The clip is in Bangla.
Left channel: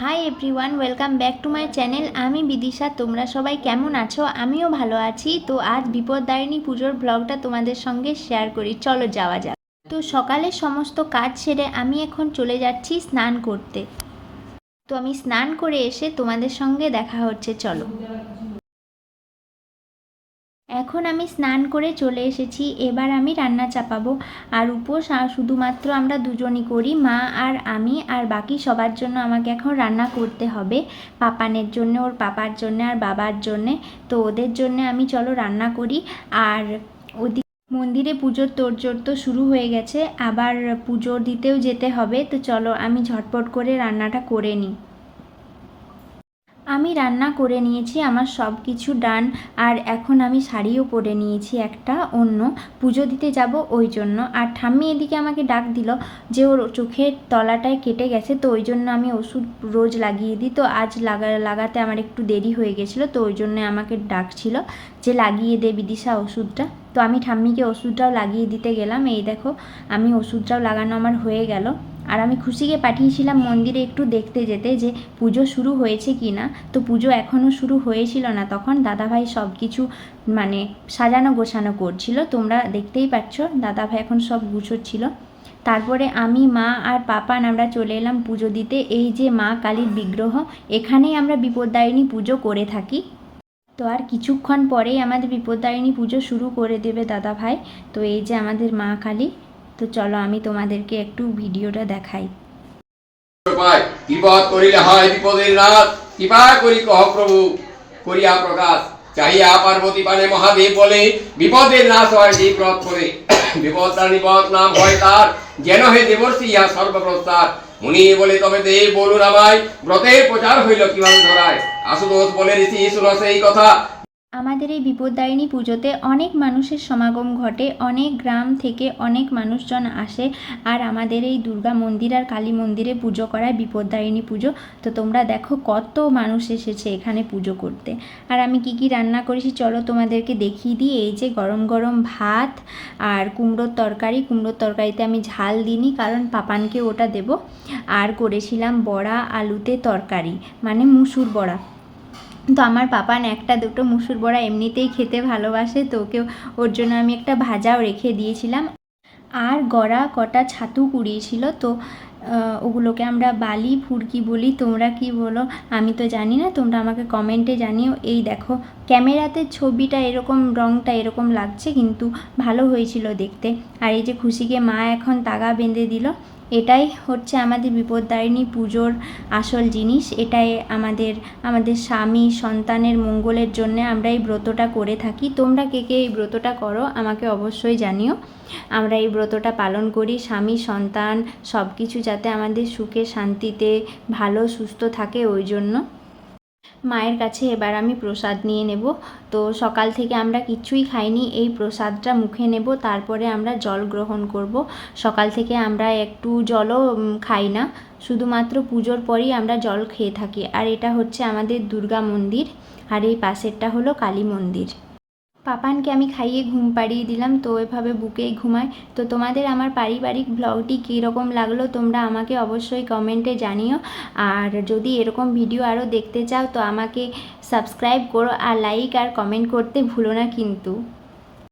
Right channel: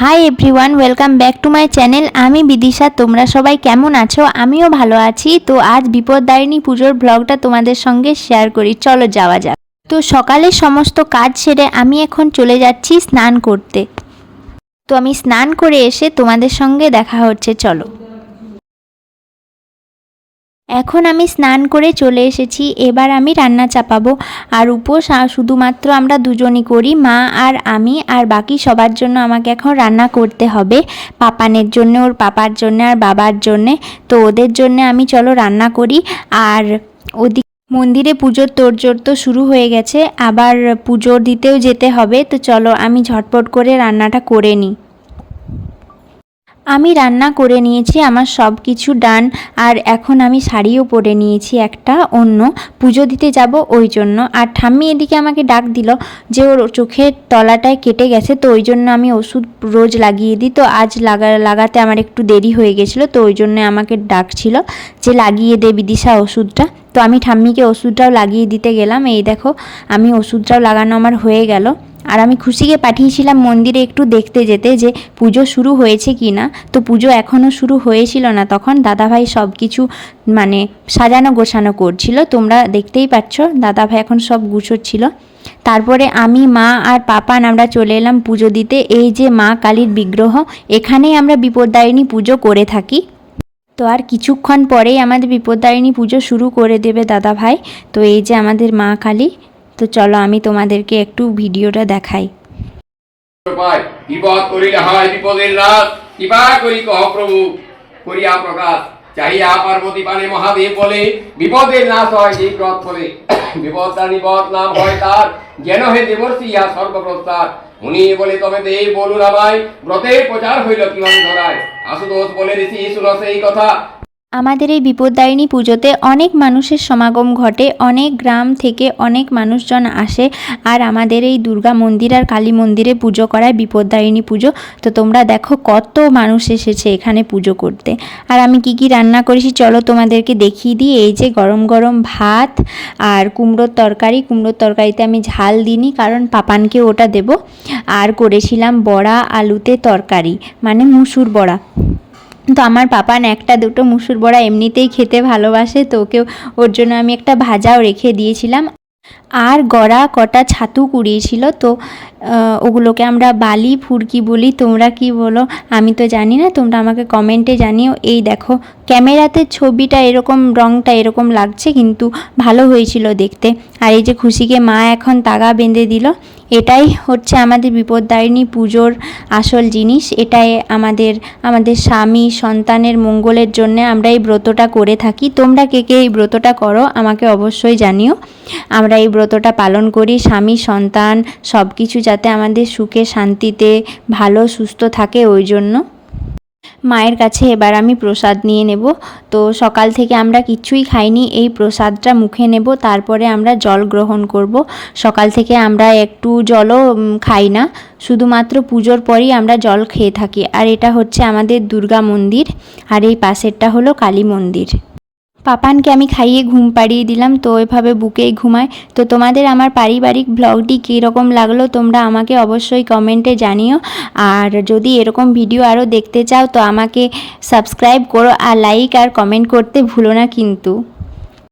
Hi everyone, welcome back to my channel. আমি বিদিশা। তোমরা সবাই কেমন আছো? আমিও ভালো আছি। তো আজ বিপদদারিণী পুজোর ব্লগটা তোমাদের সঙ্গে শেয়ার করি। চলো যাওয়া যাক। তো সকালে সমস্ত কাজ সেরে আমি এখন চলে যাচ্ছি স্নান করতে। তো আমি স্নান করে এসে তোমাদের সঙ্গে দেখা হচ্ছে, চলো। এখন আমি স্নান করে চলে এসেছি। এবার আমি রান্না চাপাবো। আর উপোস শুধুমাত্র আমরা দুজনই করি, মা আর আমি। আর বাকি সবার জন্য আমাকে এখন রান্না করতে হবে। পাপানের জন্য, ওর পাপার জন্য আর বাবার জন্যে। তো ওদের জন্য আমি চলো রান্না করি। আর ওদিকে মন্দিরে পুজোর তোড়জোড় তো শুরু হয়ে গেছে, আবার পুজো দিতেও যেতে হবে। তো চলো আমি ঝটপট করে রান্নাটা করে নিই। আমি রান্না করে নিয়েছি, আমার সব কিছু ডান। আর এখন আমি শাড়িও পরে নিয়েছি একটা অন্য, পুজো দিতে যাব ওই জন্য। আর ঠাম্মি এদিকে আমাকে ডাক দিল যে ওর চোখের তলাটায় কেটে গেছে, তো ওই জন্য আমি ওষুধ রোজ লাগিয়ে দিই। তো আজ লাগাতে আমার একটু দেরি হয়ে গেছিলো, তো ওই জন্য আমাকে ডাকছিল যে লাগিয়ে দে বিদিশা ওষুধটা। তো আমি ঠাম্মিকে ওষুধটাও লাগিয়ে দিতে গেলাম। এই দেখো, আমি ওষুধটাও লাগানো আমার হয়ে গেল। আর আমি খুশিকে পাঠিয়েছিলাম মন্দিরে একটু দেখতে যেতে যে পুজো শুরু হয়েছে কি না। তো পুজো এখনও শুরু হয়েছিল না, তখন দাদাভাই সব কিছু মানে সাজানো গোছানো করছিল। তোমরা দেখতেই পাচ্ছ, দাদাভাই এখন সব গুছোচ্ছিল। তারপরে আমি, মা আর পাপান আমরা চলে এলাম পুজো দিতে। এই যে মা কালীর বিগ্রহ, এখানেই আমরা বিপদদারিণী পুজো করে থাকি। তো আর কিছুক্ষণ পরেই আমাদের বিপদদারিণী পুজো শুরু করে দেবে দাদাভাই। তো এই যে আমাদের মা কালী। তো চলো আমি তোমাদেরকে একটু ভিডিওটা দেখাই। বিপদ করিলে হয় বিপদের রাত, কৃপা করি কহ প্রভু করিয়া প্রকাশ। চাহিয়া পার্বতী পানে মহাদেব বলে, বিপদের নাশ হয় সেই প্রত ফলে। বিপদ তার নিপদ নাম হয় তার, যেন হে দেবর্ষি ইহা সর্বপ্রস্তার। মুনি বলে তবে দেব বলুন আমায়, ব্রতের প্রচার হইল কিভাবে ধরায়। আশুতোষ বলে ঋষি শুনো সেই কথা। আমাদের এই বিপদদারিণী পুজোতে অনেক মানুষের সমাগম ঘটে, অনেক গ্রাম থেকে অনেক মানুষজন আসে। আর আমাদের এই দুর্গা মন্দির আর কালী মন্দিরে পুজো করায় বিপদদারিণী পুজো। তো তোমরা দেখো কত মানুষ এসেছে এখানে পুজো করতে। আর আমি কি কি রান্না করেছি চলো তোমাদেরকে দেখিয়ে দিই। এই যে গরম গরম ভাত আর কুমড়োর তরকারি। কুমড়োর তরকারিতে আমি ঝাল দিইনি, কারণ পাপানকে ওটা দেব। আর করেছিলাম বড়া আলুতে তরকারি, মানে মুসুর বড়া। তো আমার পাপান একটা দুটো মুসুর বড়া এমনিতেই খেতে ভালোবাসে, তো ওর জন্য আমি একটা ভাজাও রেখে দিয়েছিলাম। আর গড়া কটা ছাতু কুড়িয়েছিল, তো ওগুলোকে আমরা বালি ফুরকি বলি, তোমরা কি বলো আমি তো জানি না, তোমরা আমাকে কমেন্টে জানিও। এই দেখো, ক্যামেরাতে ছবিটা এরকম, রঙটা এরকম লাগছে, কিন্তু ভালো হয়েছিল দেখতে। আর এই যে খুশিকে মা এখন তাগা বেঁধে দিল। এটাই হচ্ছে আমাদের বিপদদারিণী পুজোর আসল জিনিস। এটাই আমাদের স্বামী সন্তানের মঙ্গলের জন্য আমরা এই ব্রতটা করে থাকি। তোমরা কে কে এই ব্রতটা করো আমাকে অবশ্যই জানিও। আমরা এই ব্রতটা পালন করি স্বামী সন্তান সব কিছু যাতে আমাদের সুখে শান্তিতে ভালো সুস্থ থাকে, ওই জন্য। মায়ের কাছে এবার আমি প্রসাদ নিয়ে নেব। তো সকাল থেকে আমরা কিচ্ছুই খাইনি, এই প্রসাদটা মুখে নেব, তারপরে আমরা জল গ্রহণ করব। সকাল থেকে আমরা একটু জলও খাই না, শুধুমাত্র পুজোর পরই আমরা জল খেয়ে থাকি। আর এটা হচ্ছে আমাদের দুর্গা মন্দির, আর এই পাশেরটা হলো কালী মন্দির। পাপানকে আমি খাইয়ে ঘুম পাড়িয়ে দিলাম, তো এভাবে বুকেই ঘুমায়। তো তোমাদের আমার পারিবারিক ব্লগটি কীরকম লাগলো তোমরা আমাকে অবশ্যই কমেন্টে জানিও। আর যদি এরকম ভিডিও আরও দেখতে চাও তো আমাকে সাবস্ক্রাইব করো, আর লাইক আর কমেন্ট করতে ভুলো না কিন্তু।